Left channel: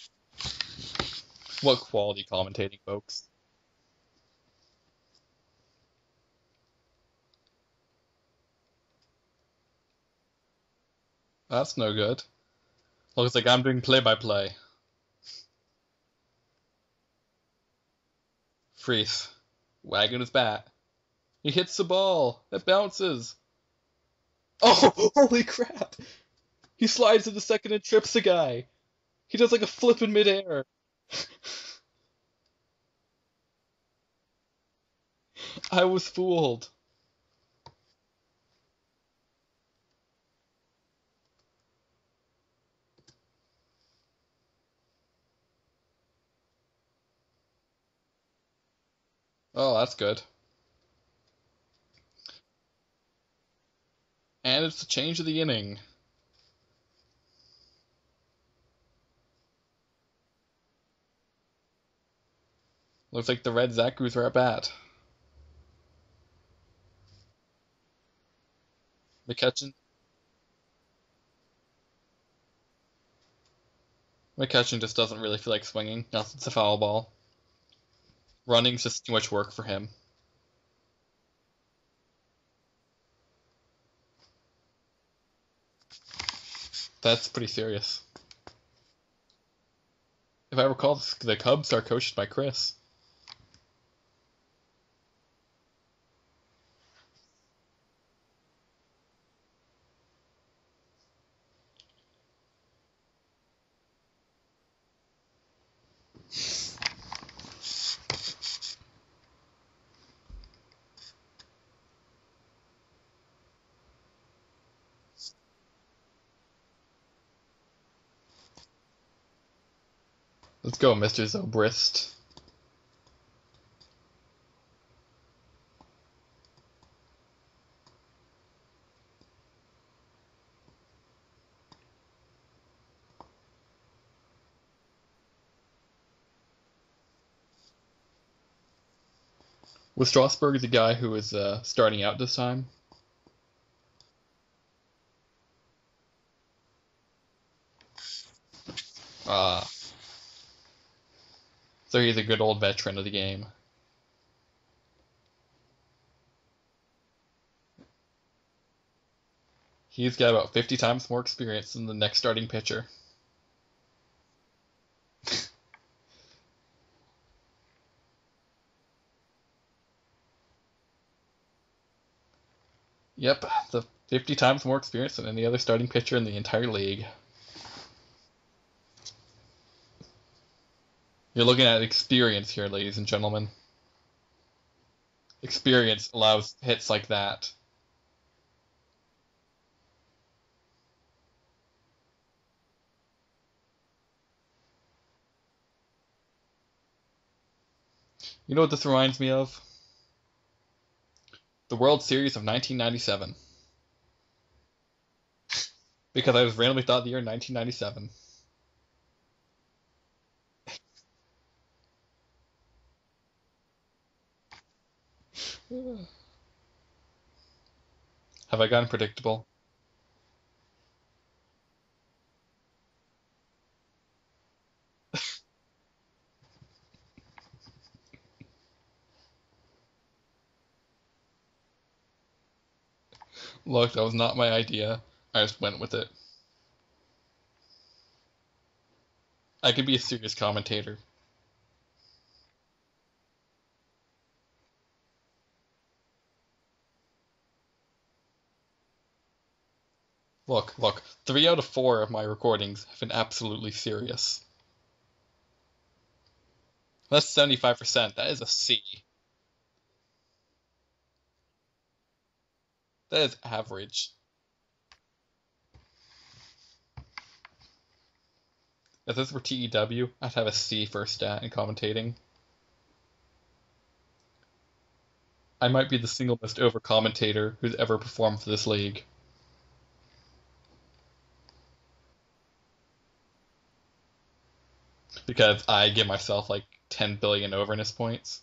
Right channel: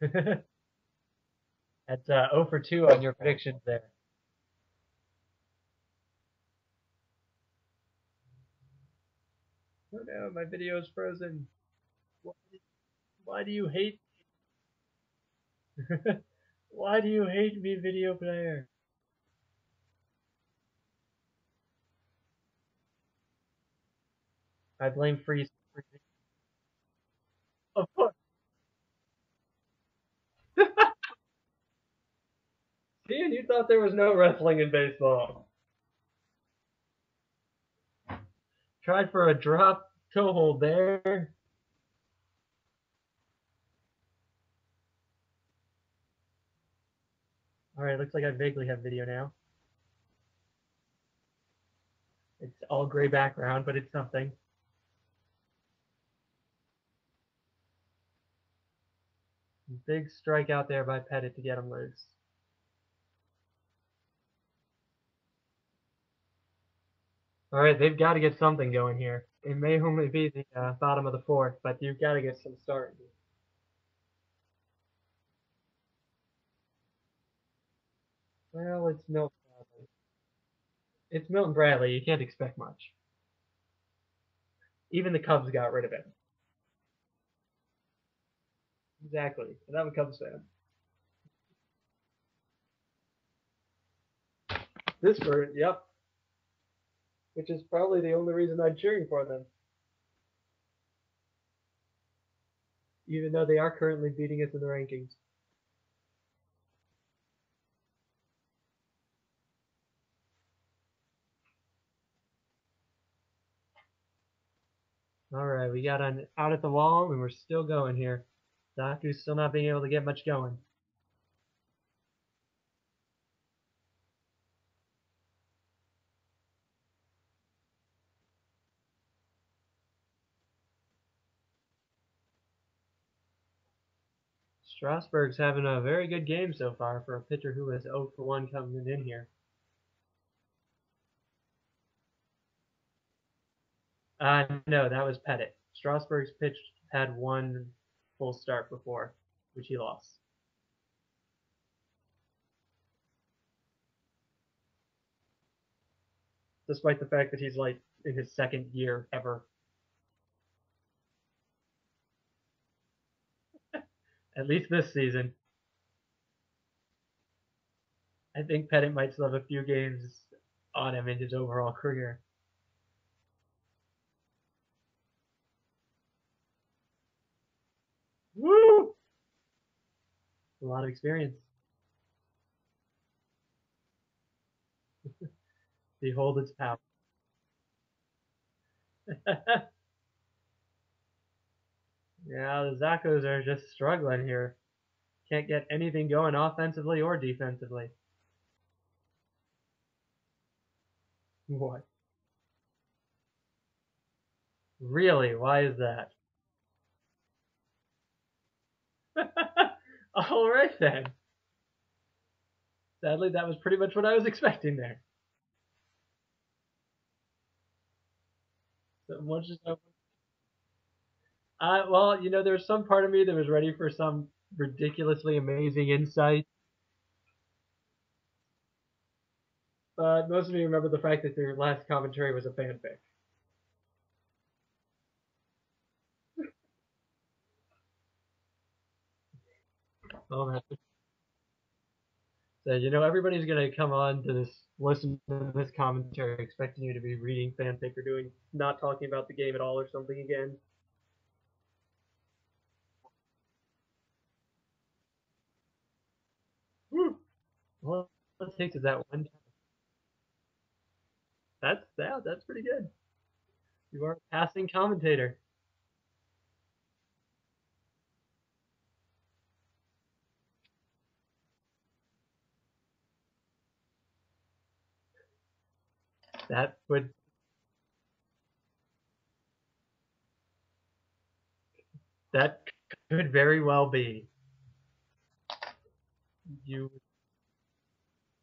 What That's quality 0 for commentator? 2 on your predictions there. Oh no, my video's frozen. That's no good. Looks Why like do I'm you doing hate? play-by-play. Why do you hate me, video player? Freeze. Wagging his bat. He hits the ball. It bounces. I Oh, blame holy Freeze. crap! He slides to the second and trips the guy. He does like a flip in midair. Dan, you thought there was no wrestling in baseball. I was fooled. Tried for a drop toe hold there. Alright, looks like I vaguely have video now. Oh, that's good. It's all gray background, but it's something. And it's the change of the inning. Big strikeout there by Pettit to get him loose. Looks like the Red Zakus are at bat. Alright, they've got to get something going here. The It catch, may only be the bottom of the fourth, but you've got to get some start. McCutcheon just doesn't really feel like swinging. Unless it's a foul ball. Running's Well, just too much work for him. it's Milton Bradley. You can't expect much. Even the Cubs got rid of it. That's pretty serious. Exactly. And I'm a Cubs fan. If I recall, the Cubs are coached by Chris. This bird, yep. Which is probably the only reason I'm cheering for them. Even though they are currently beating us in the rankings. Alright, we got an out at the wall, and we're still going here. Zaku's still not being able to get much going. Let's go, Mr. Zobrist. Strasburg's having a very good game so far for a pitcher who is 0 for 1 coming in here. Was Strasburg the guy who was starting out this time? No, that was Pettit. Strasburg's pitch had one full start before he lost. So he's a good old veteran of the game. Despite the fact that he's like in his second year ever. He's got about 50 times more experience than the next starting pitcher. At least this season. I think Pettit might still have a few games on him in his overall career. Yep, the 50 times more experience than any other starting pitcher in the entire league. Woo! A lot of experience. You're looking at experience here, ladies and gentlemen. Experience allows hits like that. Yeah, the Zaccos are just struggling here. Can't get anything going offensively or defensively. You know what this reminds me of? What? The World Series of 1997. Really? Why is that? Because I was randomly thought the year 1997. All right then. Sadly, that was pretty much what I was expecting there. Have I gotten predictable? Well, you know, there's some part of me that was ready for some ridiculously amazing insight. But most of you remember the fact that their last commentary was a fanfic. Look, that was not my idea. I just went with it. I could be a serious commentator. So, you know, everybody's going to come on to this, listen to this commentary expecting you to be reading fanfic or not talking about the game at all or something again. Look, 3 out of 4 of my recordings have been absolutely serious. That's 75%. That is a C. That's pretty good. That is average. You are a passing commentator. If this were TEW, I'd have a C for stat in commentating. I might be the single most over commentator who's ever performed for this league. That could very well be. Because I give myself like 10 billion overness points.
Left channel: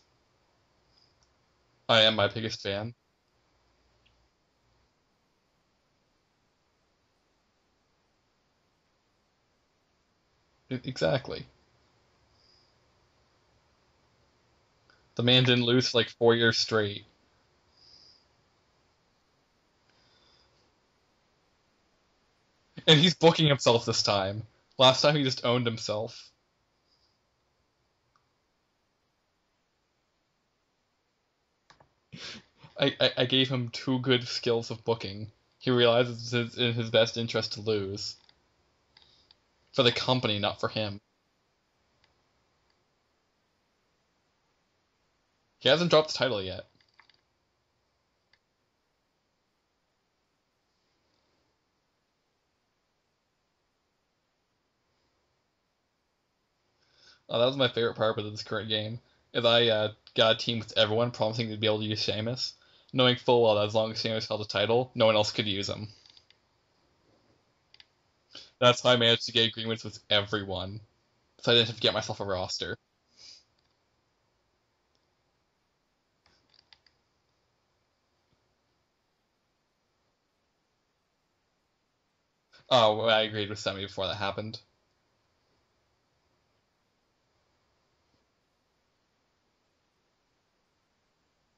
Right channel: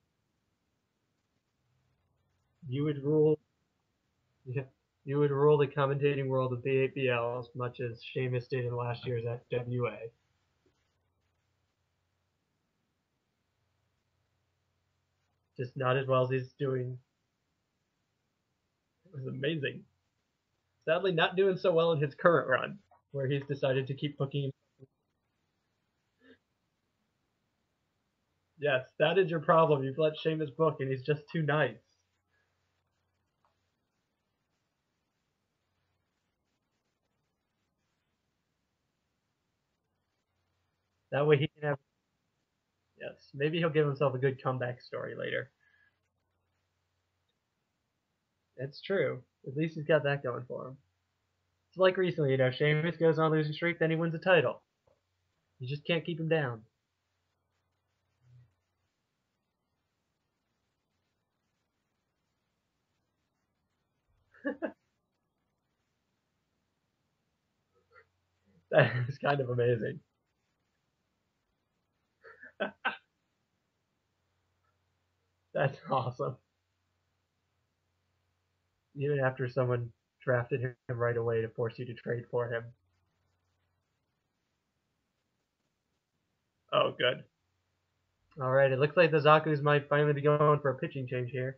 I am my biggest fan. You would rule the commentating world of the APL as much as Seamus did in last year's FWA. Exactly. The man didn't lose Not for as like well 4 as he's years doing. straight. It was amazing. Sadly, not doing so well in his current run, And he's where he booking himself decided to this keep time. booking. Last time he just owned himself. Yes, that is your problem. You've let Sheamus book, and he's just too nice. I gave him 2 good skills of booking. He realizes it's in his best interest to lose. For the company, not for him. That way he can have. Yes, maybe he'll give himself a good comeback story later. He hasn't dropped the title yet. It's true. At least he's got that going for him. It's like recently, Sheamus goes on a losing streak, then he wins a title. You just can't keep him down. Oh, that was my favorite part of this current game. Is I got a team with everyone promising to be able to use Sheamus, knowing full well that as long as Sheamus held the title, no one else could use him. That's how I managed to Kind of get agreements amazing. with everyone. So I didn't have to get myself a roster. That's awesome. Even after someone drafted him right away to force you to trade for him. Oh, well, I agreed with Semi before that happened. Oh, good. Alright, it looks like the Zaku's might finally be going for a pitching change here.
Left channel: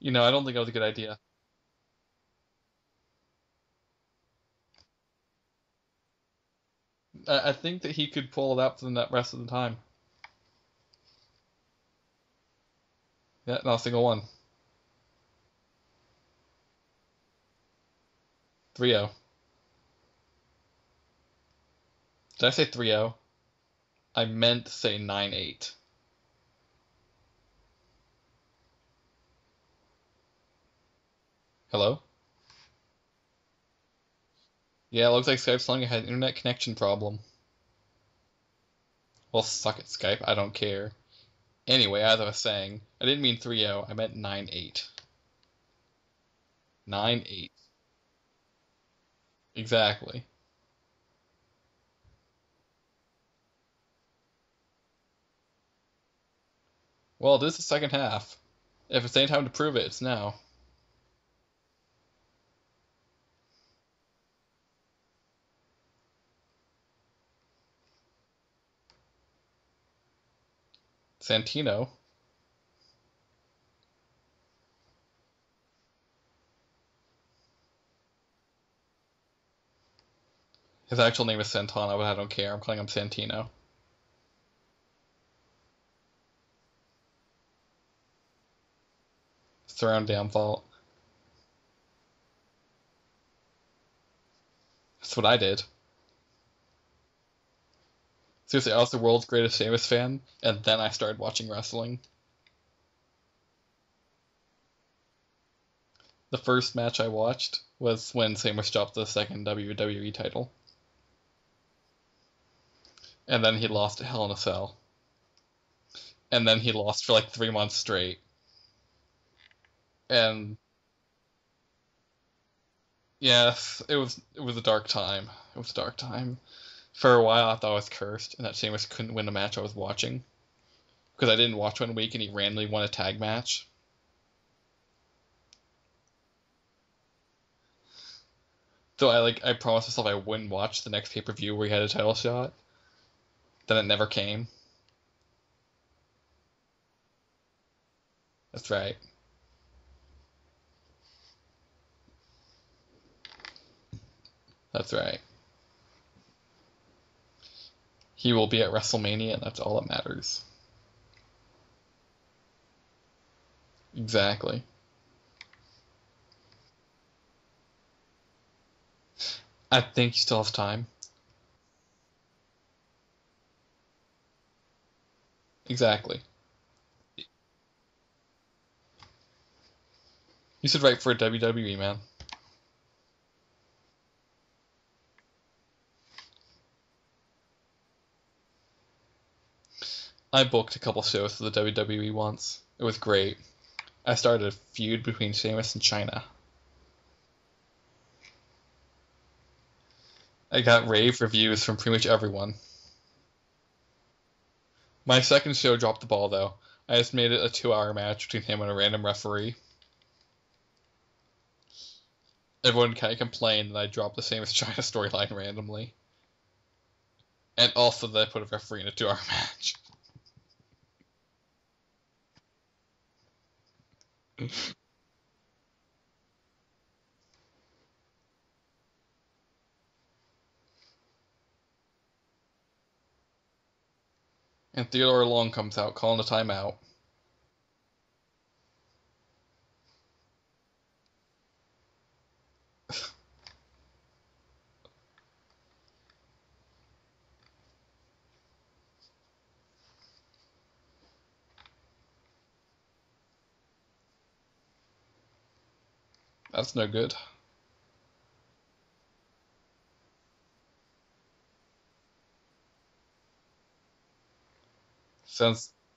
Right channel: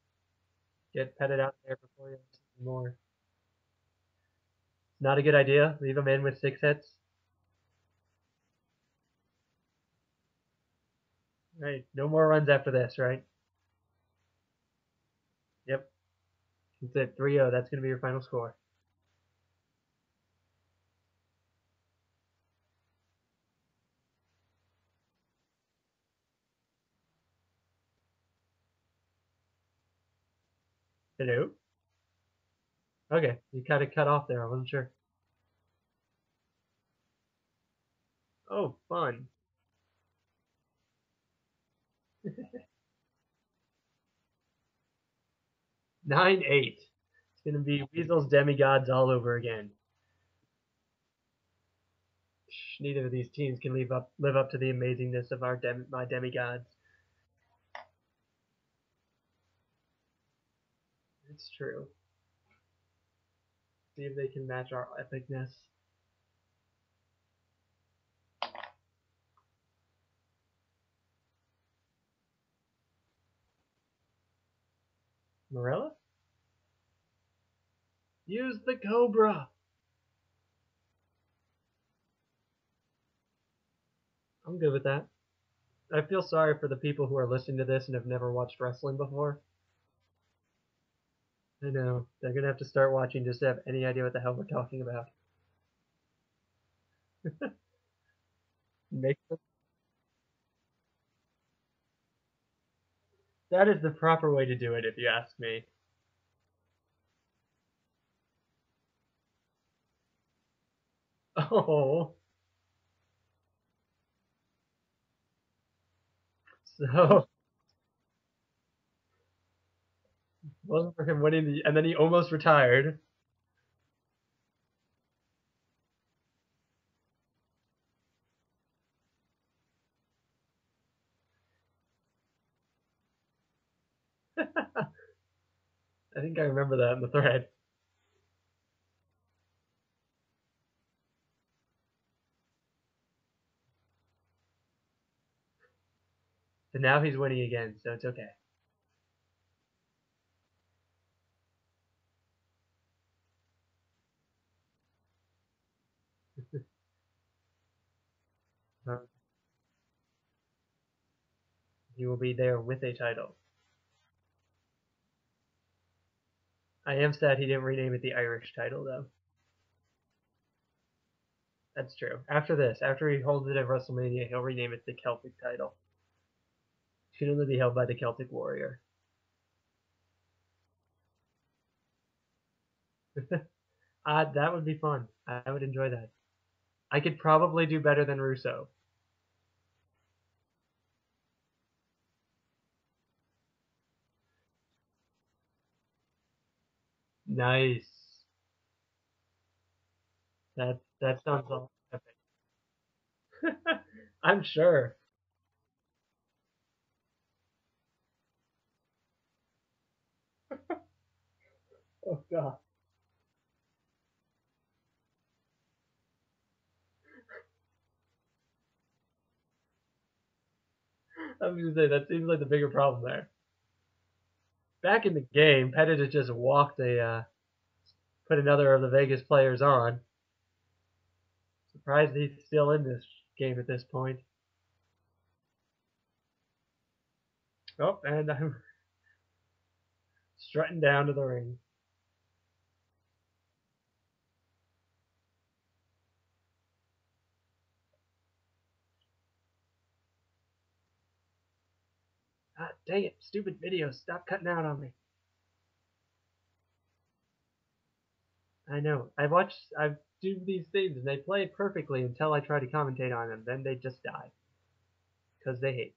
You know, I don't think that was a good Get idea. headed out there before you more. Not a good idea. Leave him in with 6 hits. I think that he could pull it out for the rest of the time. Right. No more runs after this, right? Yeah, not a single one. Yep. That's it. 3-0. That's going to be your final score. 3-0. Did I say 3-0? I meant to say 9-8. Hello? Hello? Okay. You kind of cut off there. I wasn't sure. Yeah, it looks like Skype's telling I had an internet connection problem. Oh, fun. Well, suck it, Skype. I don't care. Anyway, as I was saying, I didn't mean 3-0. I meant 9-8. 9-8. 9-8. It's going to be Weasel's demigods all over again. Exactly. Neither of these teams can live up to the amazingness of my demigods. Well, this is the second half. If it's any time to prove it, it's now. It's true. See if they can match our epicness. Santino. Morella? Use the Cobra! His actual name is Santana, but I don't care. I'm calling him Santino. I'm good with that. I feel sorry for the people who are listening to this and have never watched wrestling before. It's their own damn fault. I know. They're going to have to start watching just to have any idea what the hell we're talking about. That's what I did. Seriously, I was the world's greatest Sheamus fan, and then I started watching wrestling. That is the proper way to do it, if you ask me. The first match I watched was when Sheamus dropped the second WWE title. Oh. And then he lost to Hell in a Cell. And then he lost for like 3 months straight. And It wasn't for him winning, and then he almost retired. yes, it was a dark time. It was a dark time. For a while, I thought I was cursed, and that Sheamus couldn't win a match I was watching. Because I didn't watch 1 week, and he randomly won a tag match. I think I remember that in the thread. So I promised myself I wouldn't watch the next pay-per-view where he had a title shot. Then it never came. But now he's winning again, so it's okay. That's right. That's right. He will be at WrestleMania, and that's all that matters. He will be there with a title. Exactly. I am sad he didn't rename it the Irish title, though. I think he still has time. That's true. After this, after he holds it at WrestleMania, he'll rename it the Celtic title. Exactly. It should only be held by the Celtic Warrior. You should write for a WWE, man. That would be fun. I would enjoy that. I could probably do better than Russo. I booked a couple shows for the WWE once. It was great. I started a feud between Sheamus and China. Nice. I got rave reviews from pretty much everyone. I'm sure. My second show dropped the ball, though. I just made it a 2-hour match between him and a random referee. Oh, God. Everyone kind of complained that I dropped the Sheamus China storyline randomly. And also they put a referee in a 2-hour match. I was gonna say that seems like the bigger problem there. Back in the game, Pettit had just put another of the Vegas players on. Surprised he's still in this game at this point. And Theodore Long comes out calling a timeout. Oh, and I'm strutting down to the ring. Ah, dang it, stupid video, stop cutting out on me. That's no good. I know. I've do these things and they play perfectly until I try to commentate on them. Then they just die. Because Since, they hate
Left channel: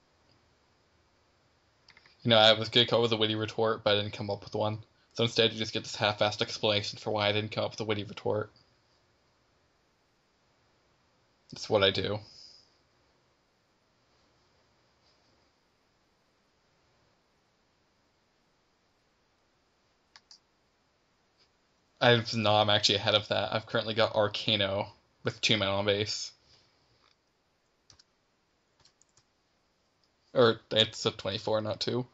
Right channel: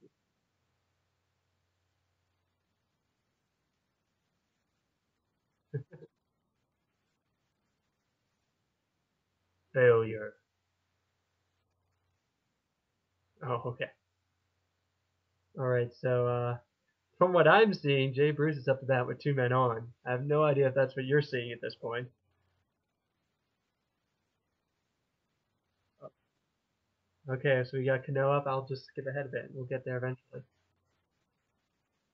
me. I was going to come up with a witty retort, but I didn't come up with one. So instead you just get this half-assed explanation for why I didn't come up with a witty retort. Failure. That's what I do. Oh, okay. Alright, so, from what I'm seeing, Jay Bruce is up to bat with 2 men on. I have no idea if that's what you're seeing at this point. I'm actually ahead of that. I've currently got Arcano with 2 men on base. Okay, so we got Cano up. I'll just skip ahead a bit. We'll get there eventually. Or it's a 24, not 2.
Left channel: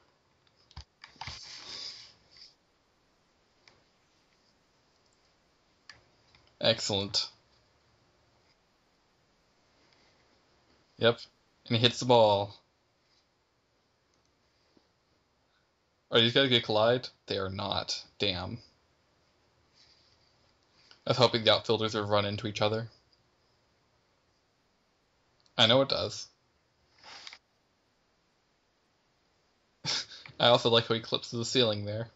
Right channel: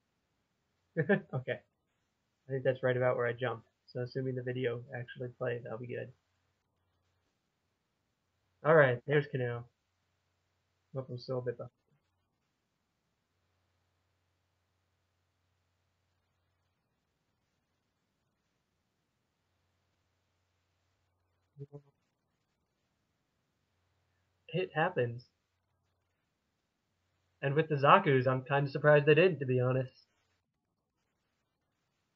Okay. I think that's right about where I jumped. So assuming the video actually plays, that'll be good. Excellent. Alright, there's Cano. Yep. And he hits the ball. Are these guys gonna collide? They are not. Damn. I was hoping the outfielders would run into each other. It happens. I know it does. And with the Zakus, I'm kind of surprised they didn't, to be honest. I also like how he clips to the ceiling there.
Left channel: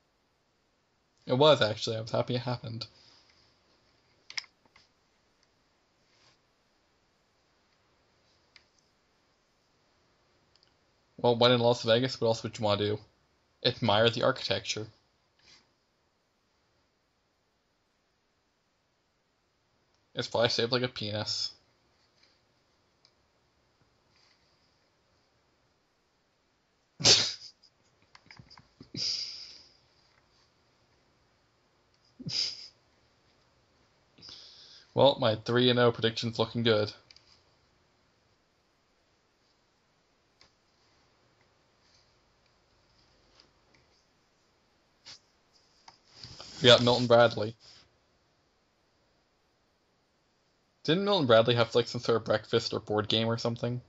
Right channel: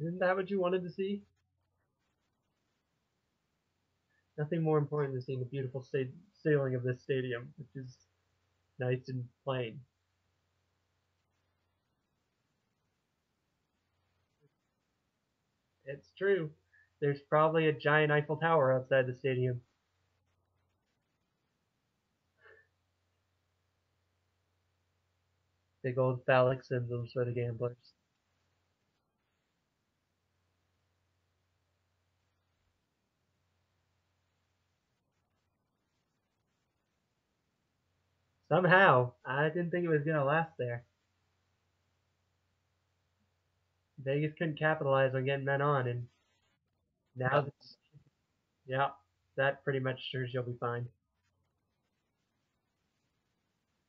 Isn't that what you wanted to see? It was, actually. I was happy it happened. Nothing more important than seeing the beautiful ceiling of this stadium, which is nice and plain. Well, when in Las Vegas, what else would you want to do? Admire the architecture. It's true. There's probably a giant Eiffel Tower outside the stadium. It's probably shaped like a penis. Big old phallic symbols for the gamblers. Well, my 3-0 prediction's looking good. Somehow, I didn't think it was going to last there. Vegas couldn't capitalize on getting men on, and We got Milton Bradley. yeah, that pretty much assures you'll be fine. Didn't Milton Bradley have like some sort of breakfast or board game or something?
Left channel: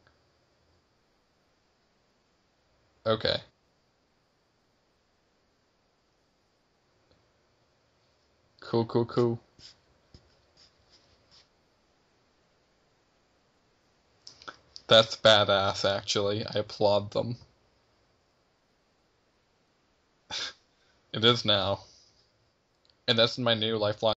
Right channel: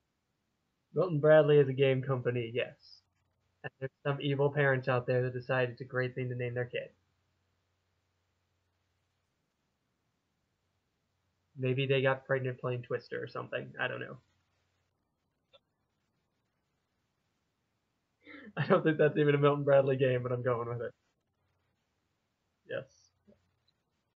Milton Bradley is a game company, yes. Okay. And there's some evil parents out there that decide it's a great thing to name their kid. Cool. Maybe they got pregnant playing Twister or something. I don't know. That's badass, actually. I applaud them. I don't think that's even a Milton Bradley game, but I'm going with it. It is now. Yes. And that's my new lifelong